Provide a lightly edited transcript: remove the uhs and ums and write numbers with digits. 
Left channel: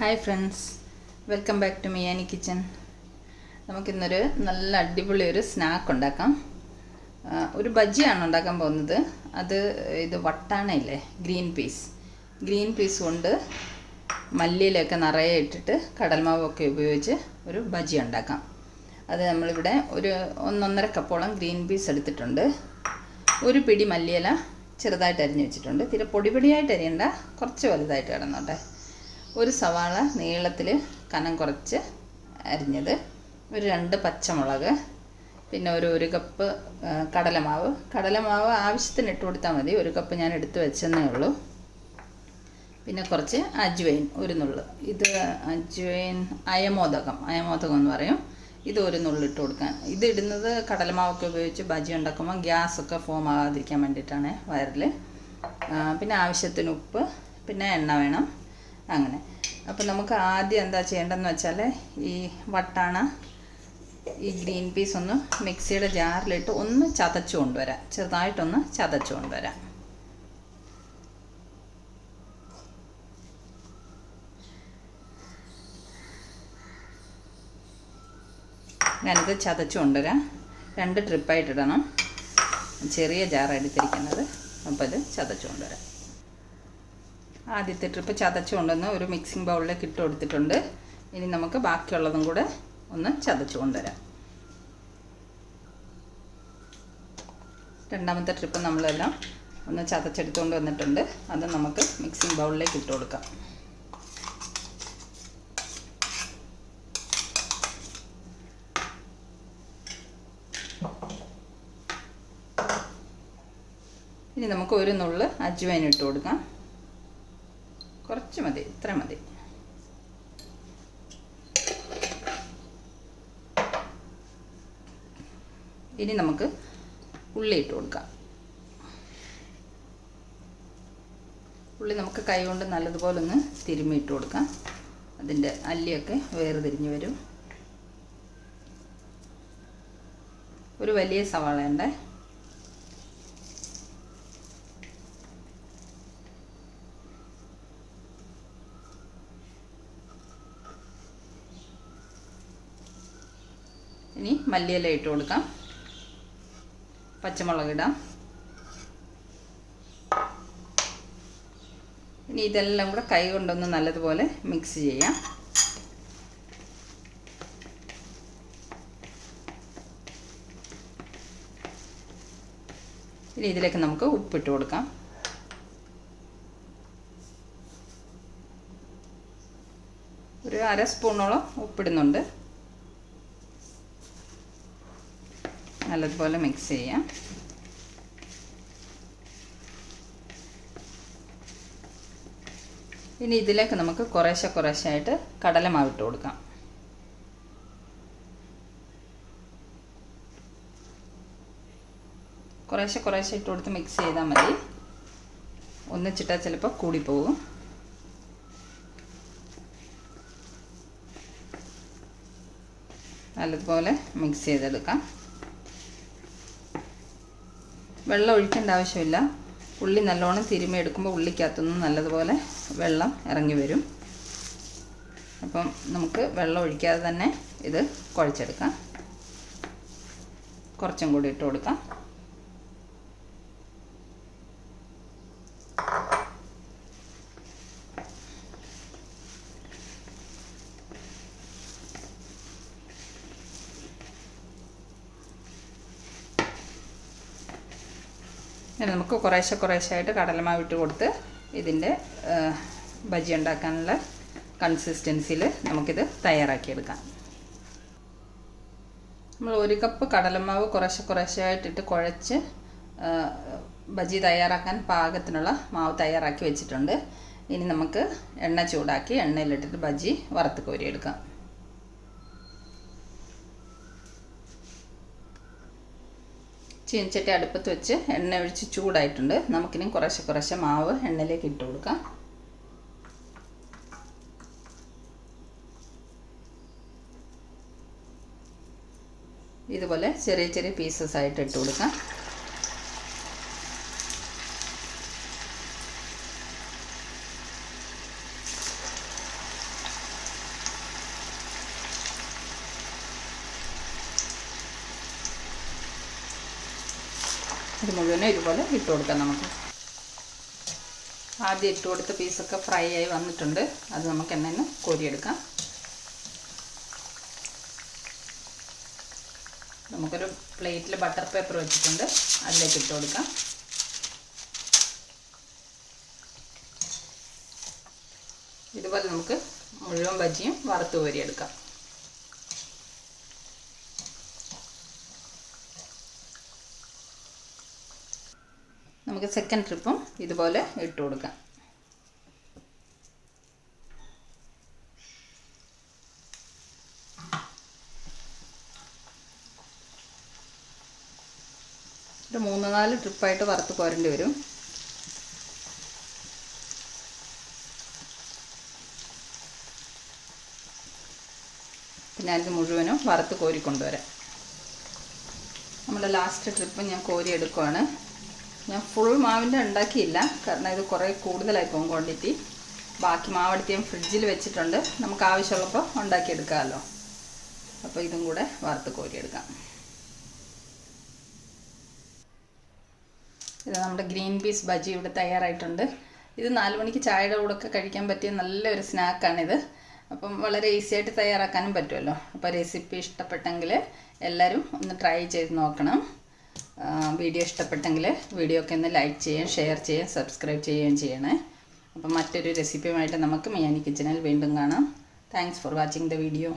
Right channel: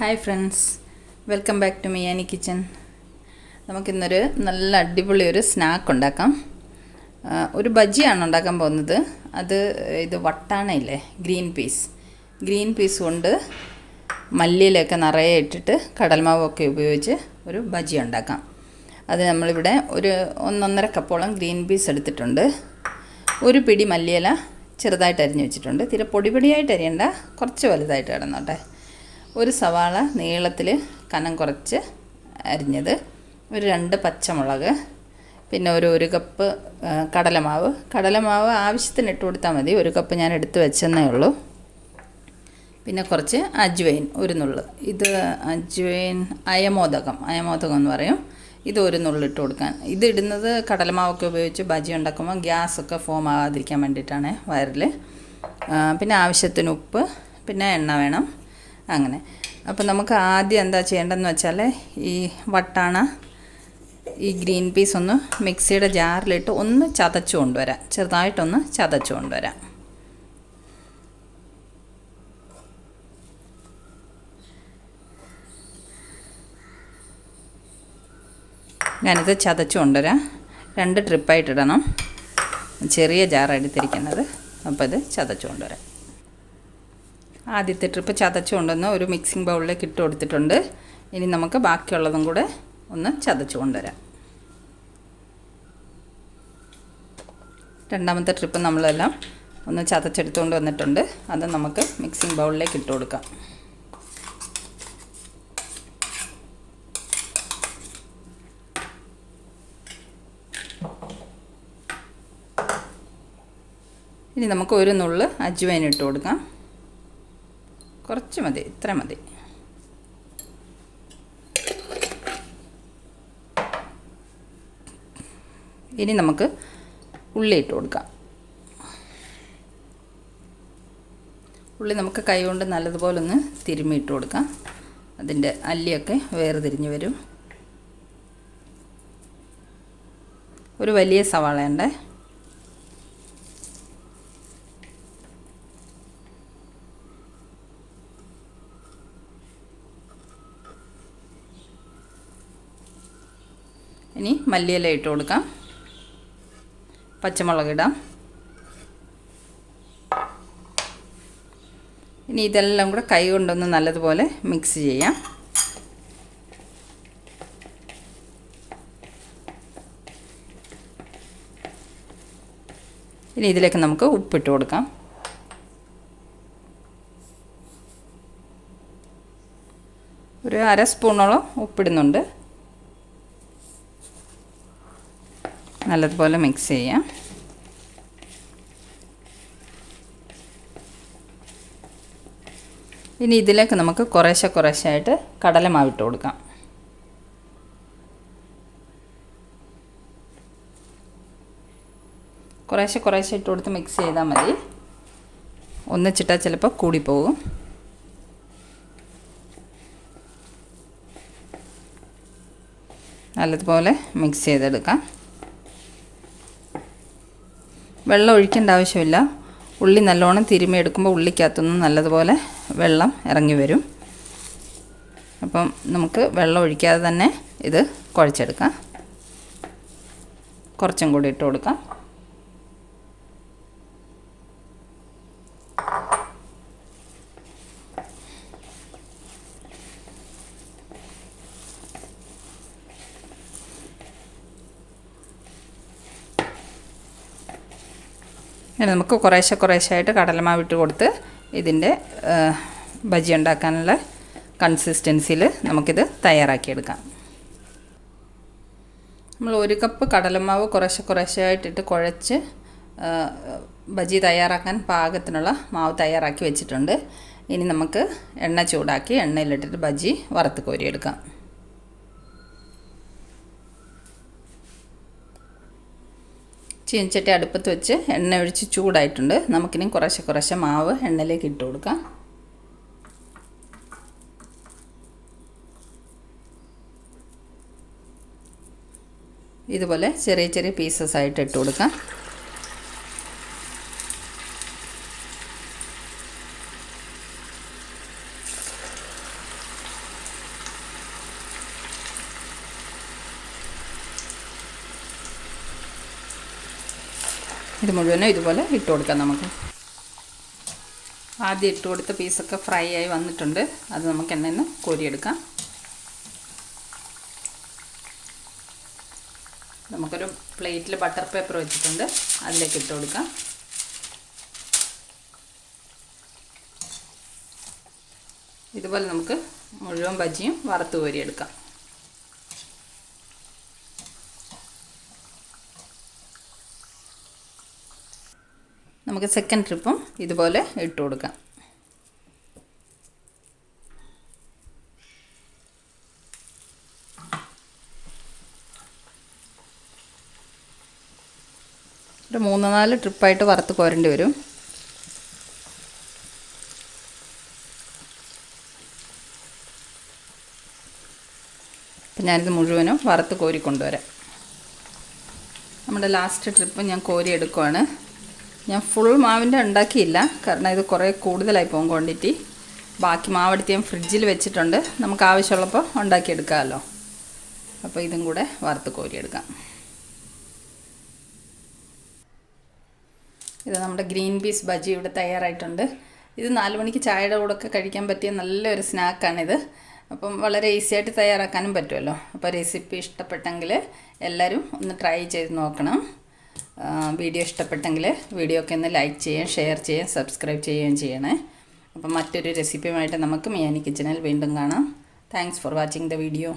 Hi friends, welcome back to Miyani kitchen. നമുക്കിന്നൊരു നല്ല അടിപൊളി ഒരു സ്നാക്ക് ഉണ്ടാക്കാം. ഒരു ബജിയാണ് ഉണ്ടാക്കാൻ പോകുന്നത്. ഇത് വട്ടാണയില്ലേ, ഗ്രീൻ പീസ് കൊണ്ട് മല്ലിയിലൊക്കെ നിറയെ ഇട്ടിട്ട് കടൽമാവൊക്കെ ഉപയോഗിച്ച് ഒരു ബജി ഉണ്ടാക്കാം. അത് നമ്മളിവിടെ ഒരു 1.5 കപ്പോളം ഗ്രീൻ പീസ് എടുത്തിട്ടുണ്ട്. ഒരു പിടി മല്ലിയില ചെറുതായിട്ട് അരിഞ്ഞ് വെച്ചിട്ടുണ്ട്. തീരെ പൊടിയായിട്ട് അരിയണ്ട, കുറച്ച് വലുതായിട്ട് കിടന്നോട്ടെ. ഒരു സവാള നീളത്തിൽ കനം കുറച്ച് അരിഞ്ഞത്, ഒരു 2 പച്ചമുളക്, പിന്നെ ഒരു കപ്പ് കടലമാവ് ആവശ്യത്തിന് ഇട്ട് കൊടുത്താൽ മതി. 1 കപ്പ് ഞാൻ എടുത്ത് വെച്ചെന്നേ ഉള്ളൂ. പിന്നെ കുറച്ച് അജ്വൈൻ, ഒരു നുള്ള്. ഇത് അജ്വൈൻ അയമോദകം എന്ന് പറയും. ഇത് ഒരു നുള്ള് ഇട്ട് കൊടുക്കാൻ. ഇത് ഇടുന്നത് കടലമാവൊക്കെ ഉപയോഗിച്ച് ബജി ഉണ്ടാക്കുമ്പോൾ ഗ്യാസൊക്കെ ഫോം ആകാതിരിക്കാൻ വേണ്ടിയിട്ടാണ് വയറിൽ. പിന്നെ ആവശ്യത്തിന് ഉപ്പ്, പിന്നെ എണ്ണ വേണം. അങ്ങനെ. അപ്പോൾ നമുക്ക് ആദ്യം എന്താ ചെയ്യേണ്ടതെന്ന് വെച്ചാൽ, ഈ വട്ടാണ ഈ ഗ്രീൻ പീസ് ഒന്ന് മിക്സിയുടെ ജാറിലിട്ട് ഒന്ന് ചതച്ചു കൊണ്ടുവരാം. ചെറുതായിട്ടൊന്ന് ചതച്ചു കൊണ്ടുവരാം. ഞാനിത് ചതച്ചു കൊണ്ടുവരാം. 2 ട്രിപ്പായിട്ടിടണം. ചെറിയ ജാർ എടുത്തിരിക്കുന്നത്. അപ്പോൾ ഇത് ചതച്ചു കൊണ്ടുവരാം. ആദ്യത്തെ ട്രിപ്പ് ചതച്ചു കൊണ്ടുവന്ന് ഒരു മിക്സിംഗ് ബൗളിലേക്ക് ഇട്ട് കൊടുത്തിട്ടുണ്ട്. ഇനി നമുക്ക് ബാക്കിയുള്ളതും കൂടെ ഒന്ന് ചതച്ചു കൊണ്ടുവരാം. രണ്ടാമത്തെ ട്രിപ്പ് നമ്മളെല്ലാം ഒന്ന് ചതച്ചെടുത്തുകൊണ്ട് വന്നിട്ടുണ്ട്. അത് നമുക്ക് മിക്സിംഗ് ബൗളിലേക്ക് ഇട്ട് കൊടുക്കാം. ഇനി നമുക്ക് ഒരു നുള്ള് അജ്വൈൻ ഇട്ട് കൊടുക്കാം. കുറച്ച് മതി, ഇത്ര മതി. ഇനി നമുക്ക് ഉള്ളി ഇട്ട് കൊടുക്കാം. ഉള്ളി നമുക്ക് കൈ കൊണ്ട് നല്ലതുപോലെ ഒന്ന് തിരുമ്മി ഇട്ട് കൊടുക്കാം. അതിൻ്റെ അല്ലിയൊക്കെ വേർതിരിഞ്ഞ് വരും. ഒരു വലിയ സവാളയുണ്ട്. ഇനി മല്ലിയില ഇട്ട് കൊടുക്കാം. പച്ചമുളക് ഇടാം. ഇനി ഇതെല്ലാം കൂടെ കൈ കൊണ്ടൊന്ന് നല്ലതുപോലെ മിക്സ് ചെയ്യാം. ഇനി ഇതിലേക്ക് നമുക്ക് ഉപ്പിട്ട് കൊടുക്കാം. ഒരു 1/2 സ്പൂണോളം ഉപ്പിടുന്നുണ്ട്. നല്ലതുപോലെ മിക്സ് ചെയ്യാം. ഇനി ഇതിലേക്ക് നമുക്ക് കുറേശ്ശായിട്ട് കടലമാവ് ഇട്ട് കൊടുക്കാം. കുറേശ്ശെ ഇട്ട് കൊടുത്ത് മിക്സ് ചെയ്താൽ മതി. ഒന്നിച്ചിട്ടാൽ ചിലപ്പോൾ കൂടിപ്പോകും. നല്ലതുപോലെ മിക്സ് ചെയ്തെടുക്കാം. വെള്ളം ഒഴിക്കേണ്ട ആവശ്യമില്ല. ഉള്ളി നല്ലോണം തിരുമ്മി എടുക്കുമ്പോൾ ഉള്ളിക്കകത്തുനിന്ന് നല്ലതുപോലെ വെള്ളം ഇറങ്ങി വരും. അപ്പം നമുക്ക് വെള്ളം ഒഴിക്കാതെ തന്നെ ഇത് കുഴച്ചെടുക്കാം. കുറച്ചും കൂടി ഇട്ട് കൊടുക്കാം. ഇനി നമുക്ക് കുറേശ്ശായിട്ട് കടലമാവ് ഇട്ട് കൊടുത്ത് ഇതിൻ്റെ ബജി ഉണ്ടാക്കാനുള്ള കൺസിസ്റ്റൻസിയിൽ നമുക്കിത് തയ്യാറാക്കിയെടുക്കാം. നമ്മൾ 1 കപ്പ് കടലമാവ് കുറേശ്ശായിട്ടിട്ട് കുഴച്ച് ബജി തയ്യാറാക്കാൻ പാകത്തിനുള്ള മാവ് തയ്യാറാക്കി വെച്ചിട്ടുണ്ട്. ഇനി നമുക്ക് എണ്ണ ചൂടാക്കി എണ്ണയിലിട്ടിട്ട് ബജി വറുത്ത് കോരിയെടുക്കാം. ചീനച്ചട്ടി അടുപ്പത്ത് വെച്ച് എണ്ണ ഒഴിച്ച് ചൂടായിട്ടുണ്ട്. നമുക്കിനി കുറേശ്ശെ മാവ് എണ്ണയിലേക്ക് ഇട്ട് കൊടുക്കാം. ഇതുപോലെ ചെറിയ പീസസ് ആയിട്ട് ഇട്ട് കൊടുക്കാം. ഇത് മുഴുവനും ഇതുപോലെ ഇട്ട് കൊടുക്കാം നമുക്ക്. ആദ്യം ഇട്ട് കൊടുത്ത പീസൊക്കെ ഫ്രൈ ആയി വന്നിട്ടുണ്ട്. അത് നമുക്ക് എണ്ണയിൽ കോരിയെടുക്കാം. നമുക്കൊരു പ്ലേറ്റിൽ ബട്ടർ പേപ്പർ വെച്ചിട്ടുണ്ട്, അതിലേക്ക് ഇട്ട് കൊടുക്കാം. ഇതുപോലെ നമുക്ക് മുഴുവൻ ബജിയും വറുത്ത് കോരിയെടുക്കാം. നമുക്ക് സെക്കൻഡ് ട്രിപ്പും ഇതുപോലെ ഇട്ട് കൊടുക്കാം. ഒരു 3-4 ട്രിപ്പായിട്ട് വറുത്ത് കോരേണ്ടി വരും. അപ്പം ഞാനിത് മുഴുവനും വറുത്ത് കോരി കൊണ്ടുവരാം. നമ്മുടെ ലാസ്റ്റ് ട്രിപ്പ് ഞാൻ കോരി എടുക്കുവാണ്. ഞാൻ ഫുൾ മാവിൻ്റെ ഉണ്ടാക്കിയില്ല, കാരണം ഇത് കുറേ കൂടുതലായി പോകും ക്വാണ്ടിറ്റി. ബാക്കി മാവെടുത്ത് ഞാൻ ഫ്രിഡ്ജിൽ വെച്ചിട്ടുണ്ട്, നമുക്ക് ആവശ്യമുള്ളപ്പോൾ ഉണ്ടാക്കിയെടുക്കാമല്ലോ. അപ്പോൾ ഇതും കൂടെ വറുത്ത് കോരിയെടുക്കാം. ഇത് നമ്മുടെ ഗ്രീൻ പീസ് ബജി ഇവിടെ തയ്യാറായിട്ടുണ്ട്. ഇത് 4 മണിക്ക് ചായയുടെ കൂടെയൊക്കെ കഴിക്കാൻ പറ്റിയ നല്ലൊരു സ്നാക്കാണിത്. അപ്പം വളരെ ഈസി ആയിട്ട് തയ്യാറാക്കാനും പറ്റുമല്ലോ. അപ്പോൾ റെസിപ്പി ഇഷ്ടപ്പെട്ടെങ്കിൽ എല്ലാവരും ഒന്ന് ട്രൈ ചെയ്ത് നോക്കണം. വീഡിയോ ഇഷ്ടപ്പെട്ടെങ്കിൽ വീഡിയോ ഒക്കെ ഒന്ന് ലൈക്ക് ചെയ്യുകയും ഷെയർ ചെയ്യുകയും സബ്സ്ക്രൈബ് ചെയ്യുകയും ചെയ്യണേ. അപ്പം മറ്റൊരു റെസിപ്പിയുമായിട്ട് നമുക്ക് മിയാനി കിച്ചണിൽ വീണ്ടും കാണാം. Thanks for watching the video.